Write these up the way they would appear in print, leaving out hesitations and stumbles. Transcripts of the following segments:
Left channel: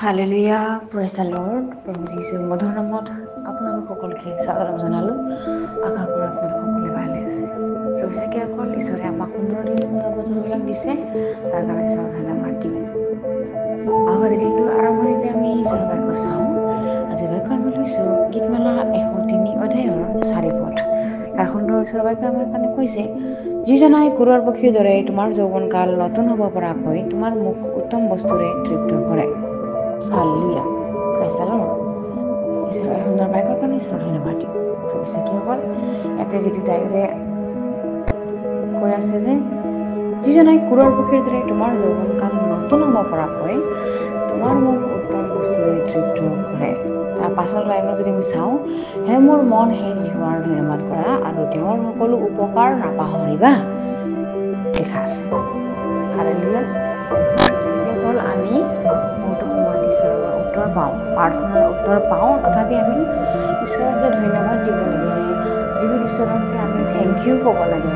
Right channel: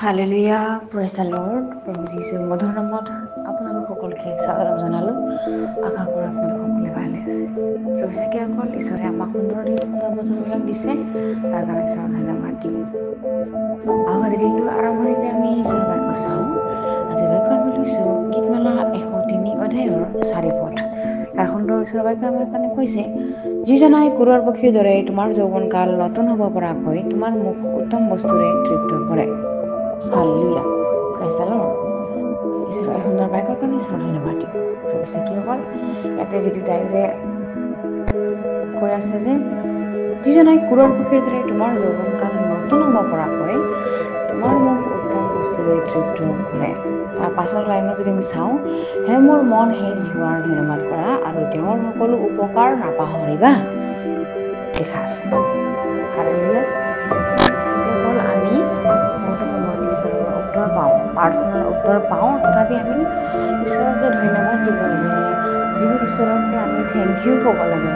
Hallelujah, praise the lord. প্ৰভু যীশুৰ মধুৰ নামত আপোনালোক সকলোকে স্বাগতম জনালোঁ। আশা কৰোঁ আপোনালোক সকলোৱে ভালে আছে। সঁচাকৈ অকল ঈশ্বৰে আমাক সুন্দৰ দিন সুন্দৰ বতৰবিলাক দিছে, তাৰ কাৰণে ঈশ্বৰৰ ধন্যবাদ দিওঁ। আজি দিনটোৰ আৰম্ভণিতে আমি ঈশ্বৰৰ বাক্য চাওঁ। আজি বাক্য আমি লৈছোঁ গীতমালা 103 অধ্যায়ৰ 4 পদ। তাৰ সুন্দৰ ঈশ্বৰৰ বাক্য আমাৰ কাৰণে কৈছে, যিজনাই কুৰৰ পক্ষীৰ দৰে তোমাৰ যৌৱনকাল নতুন হ'ব পৰাকৈ তোমাৰ মুখ উত্তম বস্তুৰে তৃপ্ত কৰে। Hallelujah, praise the lord. ঈশ্বৰৰ এই সুন্দৰ বাক্যৰ কাৰণে ঈশ্বৰৰ ধন্যবাদ দিওঁ। সঁচাকৈসকল ইয়াতে যিটো ডাইৰে কৈ আছে যে যিজনাই কুৰৰ পক্ষীৰ দৰে তোমাৰ যৌৱনকাল নতুন হ'ব পৰাকৈ তোমাৰ মুখ উত্তম বস্তুৰে তৃপ্ত কৰে। তাৰ পাছৰ লাইনত যদি আমি চাওঁ, হে মোৰ মন হে জিহুৱাৰ ধন্যবাদ কৰা আৰু তেওঁৰ সকলো উপকাৰ নাপাহৰিবা, লিখা আছে। হালেলুয়া। সঁচাকৈসকল আমি বহুতো সময়ত ঈশ্বৰৰ পৰা উত্তৰ পাওঁ, প্ৰাৰ্থনাৰ উত্তৰ পাওঁ, তথাপি আমি ঈশ্বৰক যে ধন্যবাদ দিব লাগে, জীৱিত ঈশ্বৰক যে আমি থেংক ইউ ক'ব লাগে,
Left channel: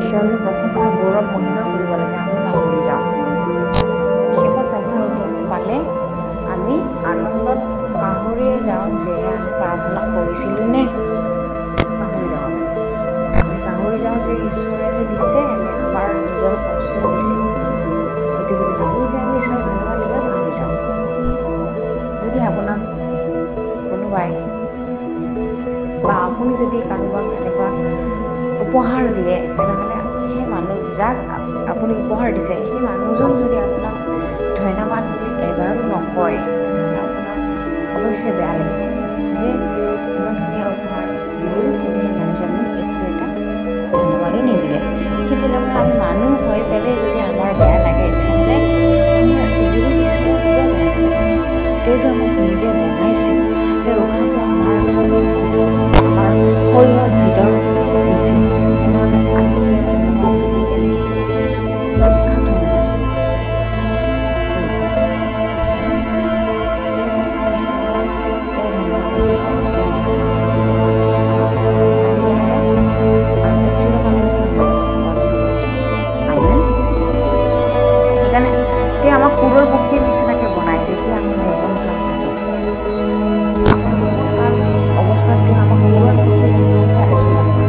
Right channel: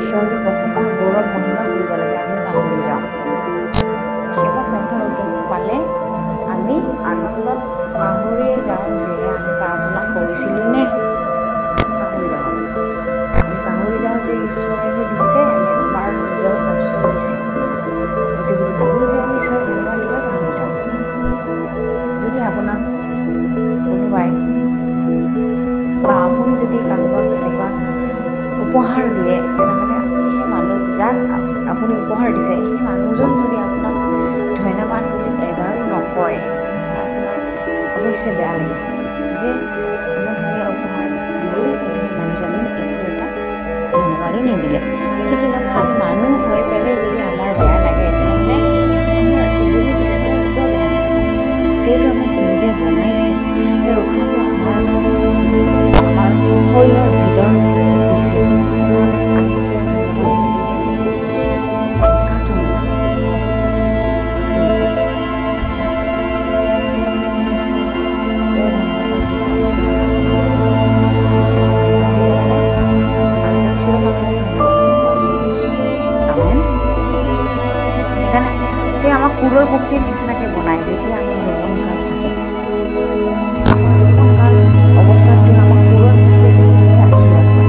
তেওঁ যে প্ৰশংসা গৌৰৱ মহিমা কৰিব লাগে, আমি পাহৰি যাওঁ। কেৱল প্ৰাৰ্থনাৰ উত্তৰ পালে আমি আনন্দত পাহৰিয়ে যাওঁ যে আমি প্ৰাৰ্থনা কৰিছিলোঁ নে, পাহৰি যাওঁ। আমি পাহৰি যাওঁ যে ঈশ্বৰে দিছে নে আমাৰ নিজৰ কষ্টত দিছে। এইটো বুলি ভাবোঁ যে আমি ঈশ্বৰক ধন্যবাদ দিবলৈ পাহৰি যাওঁ। যদি আপোনাক কোনোবাই বা আপুনি যদি কাৰোবাক এনেকুৱা উপহাৰ দিয়ে, তেনেহ'লে সেই মানুহ যাক আপুনি উপহাৰ দিছে, সেই মানুহজন যদি আপোনাক ধন্যবাদ বুলি এবাৰো নকয়, তেনেহ'লে আপোনাৰ অৱশ্যে বেয়া লাগিব যে ইমান ধুনীয়া উপহাৰ দিলোঁ, কিন্তু সেই মানুহজন মোক একো এটা ধন্যবাদো নিদিলে। ঠিক তেনেকৈ আমি মানুহ হৈ পেলাই যদি আমাৰ বেয়া লাগে, তেনেহ'লে আমাৰ জীৱিত ঈশ্বৰৰ কিয় বেয়া লাগে? তেওঁতো আমাক নিজে বনাইছে, তেওঁৰ উশাহটো আমাৰ শৰীৰৰ ভিতৰত দিছে। তেনেহ'লে আমি তেওঁৰ ধন্যবাদ নিদি কেনে কাক ধন্যবাদ দিম? সেইকাৰণে তেওঁ আমাক কুৰৰ পক্ষীৰ নিচিনাকে বনাই। যেতিয়া আমাৰ যৌৱনকাল থাকে, আমাৰ যৌৱনকাল অৱস্থাত তেওঁ আমাক কুৰৰ পক্ষীৰ নিচিনাকে আশীৰ্বাদ কৰে,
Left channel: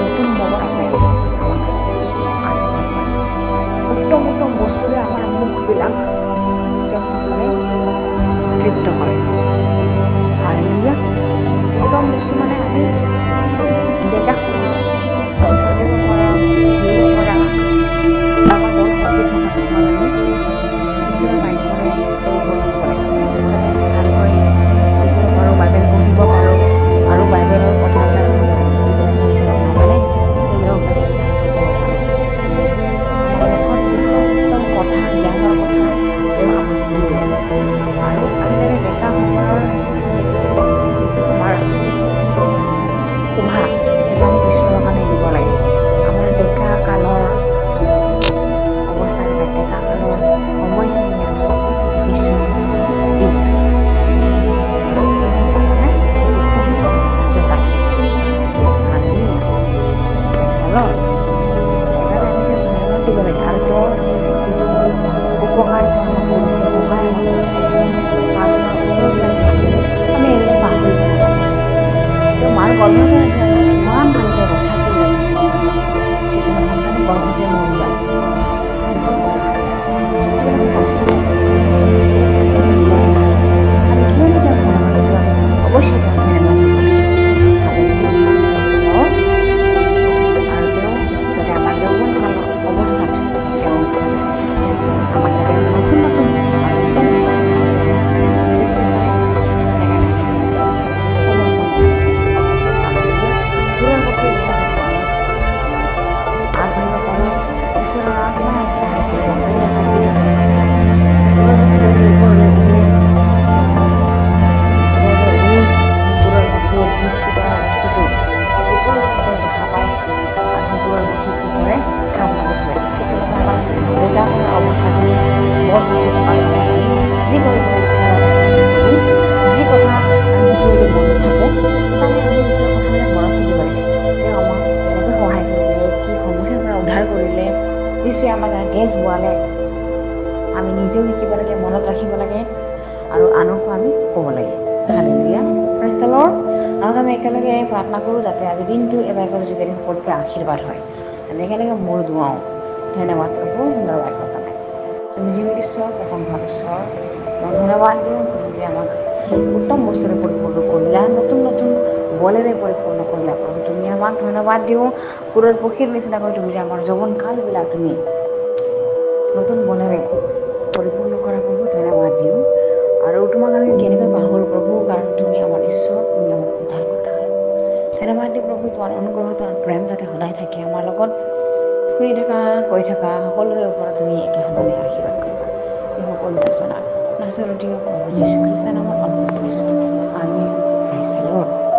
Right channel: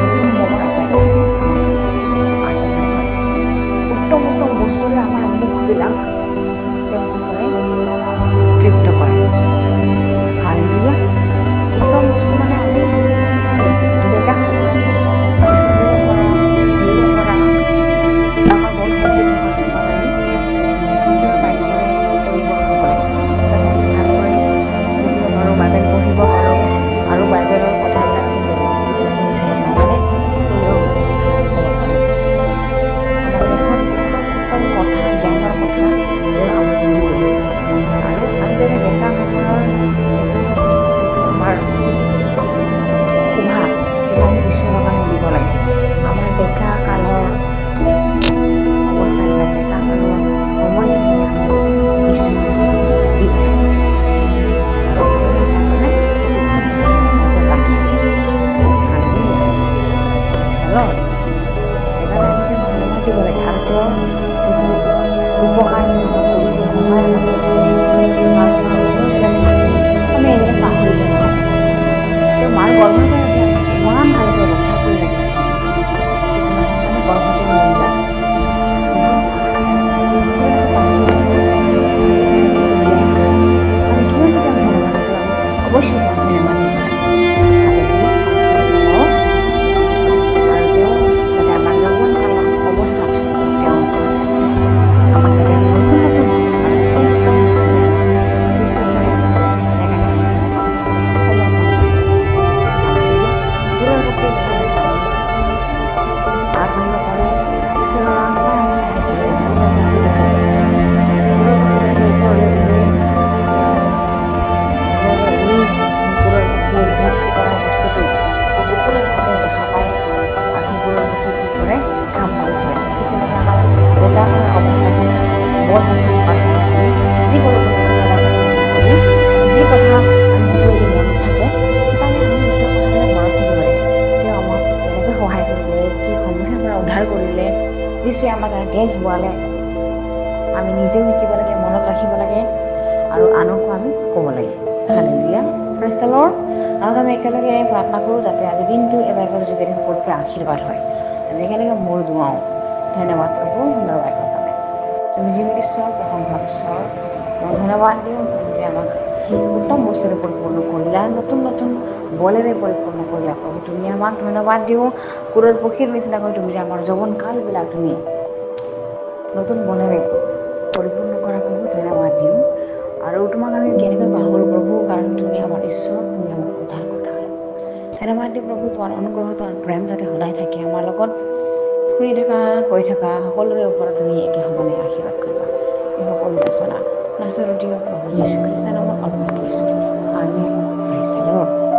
নতুন হ'ব পৰাকৈ আমাক আশীৰ্বাদ কৰে। উত্তম উত্তম বস্তুৰে আমাৰ মুখবিলাক তেওঁ কি কৰে? তৃপ্ত কৰে। হালেলুয়া। উত্তম বস্তু মানে আমি ডেকা সময়ত আমি চলিব পৰা, ঘূৰিব পৰা, আমাৰ মন শক্তি থকা সময়ত আমি ঈশ্বৰৰ বাক্যৰে পৰিপূৰ্ণ হ'ব লাগে। যাতে আমি ভালকৈ বুজিব পাৰোঁ, বাইবেল পঢ়িব পাৰোঁ, আৰু বাইবেলৰ কথাবিলাক আমি যিবিলাকে ঈশ্বৰে নাজানে সেইবিলাকক যাতে আমি ভালকৈ ক'ব পাৰোঁ। আমাৰ মুখত উত্তম উত্তম কথা, জ্ঞানৰ কথা তেওঁ আমাক দিয়ে। আৰু আমি যাতে ডেকা সময়ৰ এইটো যিটো আমাৰ শোভা, সেইটো আমি ঈশ্বৰৰ কাৰণে দিব লাগে। আমাৰ ডেকা কালৰ অৱস্থাবিলাক, ডেকা কালৰ সময়খিনি আমি ঈশ্বৰক দিব লাগে। আৰু তেওঁ আমাৰ কাৰণে উত্তম বস্তু তেওঁ ৰাখিছে। Hallelujah, praise the lord. সেইকাৰণে আমি তেওঁক ধন্যবাদ দিব লাগে। আৰু তেওঁৰ যিটো উপকাৰ তেওঁ আমাক কৰিছে, সহায় আমাক কৰিছে, প্ৰাৰ্থনাৰ উত্তৰবিলাক দিছে, আমি এইবিলাক পাহৰিব নালাগে। তেওঁ মাৰ গৰ্ভৰ পৰা যে আমাক ইমান ভালকৈ ৰক্ষা কৰি ৰাখিছে। কিছুমান সন্তানে গৰ্ভতে মৰি যায়, কিন্তু যিবিলাকে বাচি যায়, যিবিলাকে আজি আমি জীয়াই আছোঁ, আমি কিয়নো তেওঁক ধন্যবাদ দিওঁ? আমি অৱশ্যে তেওঁক ধন্যবাদ দিব লাগে। Hallelujah, praise the lord. আৰু তেওঁ যাতে আমাৰ যৌৱনকালৰ অৱস্থাত তেওঁ আমাক যাতে নতুন নতুন আৰু উত্তম উত্তম বস্তুৰে তৃপ্ত কৰে, সেইকাৰণে আমি তেওঁক সমৰ্পণ কৰোঁ। হালেলুয়া। কুৰৰ পক্ষীৰ দৰে যাতে আমি আগবাঢ়িব পাৰোঁ, ঈশ্বৰৰ আৰাধনা আমি সহায় কৰিব। কুৰৰ পক্ষীৰ দৰে যে ওপৰলৈ উৰে, ওপৰলৈ উৰি কুৰৰ পক্ষীয়ে দৃষ্টি কৰা বস্তুটো ওপৰৰ পৰা তেওঁ দেখা পায়, আৰু সেই কুৰৰ পক্ষী কি কৰে? ঠাম মাৰি ধৰে। ঠিক তেনেকৈ আমাৰ ডেকা কালৰ অৱস্থাখিনি বৰ শক্তি থকাৰ সময়ত আমি যি কৰিবলৈ ইচ্ছা যায় তাকে আমি কৰোঁ, যি কথা আমি সকলোতে মনত থাকে, সেইকাৰণে আমি ঈশ্বৰৰ কথাবিলাক মনত থাকিব লাগে। তেওঁ আমাক কেনেকৈ সহায় কৰিলে, কি সমস্যাৰ পৰা উদ্ধাৰ কৰিলে, যিচুৱে আমাৰ কাৰণে তেজ বোৱালে, আমি নিজেও শিকিব লাগে, মনত ৰাখিব লাগে আৰু আনকো আমি ক'ব লাগে। Hallelujah, praise the lord. আহক আমি একেলগে প্ৰাৰ্থনা কৰোঁ যাতে আজি দিনটো এই বাইবেলৰ যোগেদি সকলোকে আশীৰ্বাদ হয়। আমি একেলগে মূৰ দুৱাওঁ। ধন্যবাদ প্ৰভু সুন্দৰ বাইকৰ কাৰণে। তুমি জীৱিত ঈশ্বৰ, প্ৰশংসা ঈশ্বৰ, তোমাক ধন্যবাদ দিওঁ। তুমি যে আমাক উত্তম বস্তুৰে পৰিপূৰ্ণ কৰিলা, নতুন নতুন বলেৰে পৰিপূৰ্ণ কৰিলা প্ৰভু। তুমি আমাক ধন্যবাদ দিওঁ। সুৰৰ পক্ষীৰ নিচিনাকৈ তুমি যে আমাৰ যৌৱন কালবিলাক তুমি নতুন বলেৰে পৰিপূৰ্ণ কৰা প্ৰভু, ধন্যবাদ দিওঁ। আৰু তোমাক আমি কেনেকৈ পাহৰোঁ প্ৰভু, কাৰণ তুমি আমাৰ ঈশ্বৰ, তুমি আমাৰ উদ্ধাৰকৰ্তা হয়। ধন্যবাদ দিওঁ প্ৰভু, তোমাৰ অনুগ্ৰহ, তোমাৰ প্ৰেম যাতে সদায় থাকে আমাৰ লগত। শুনি থকা, কৈ থকা সকলোৰে ওপৰত তুমি একে সমানে আশীৰ্বাদ কৰিবা। এই সকলো যাচনা নাছৰতীয় প্ৰভু যীশু খ্ৰীষ্টৰ নামত অৰ্পণ কৰিছোঁ। আমেন। Praise the lord.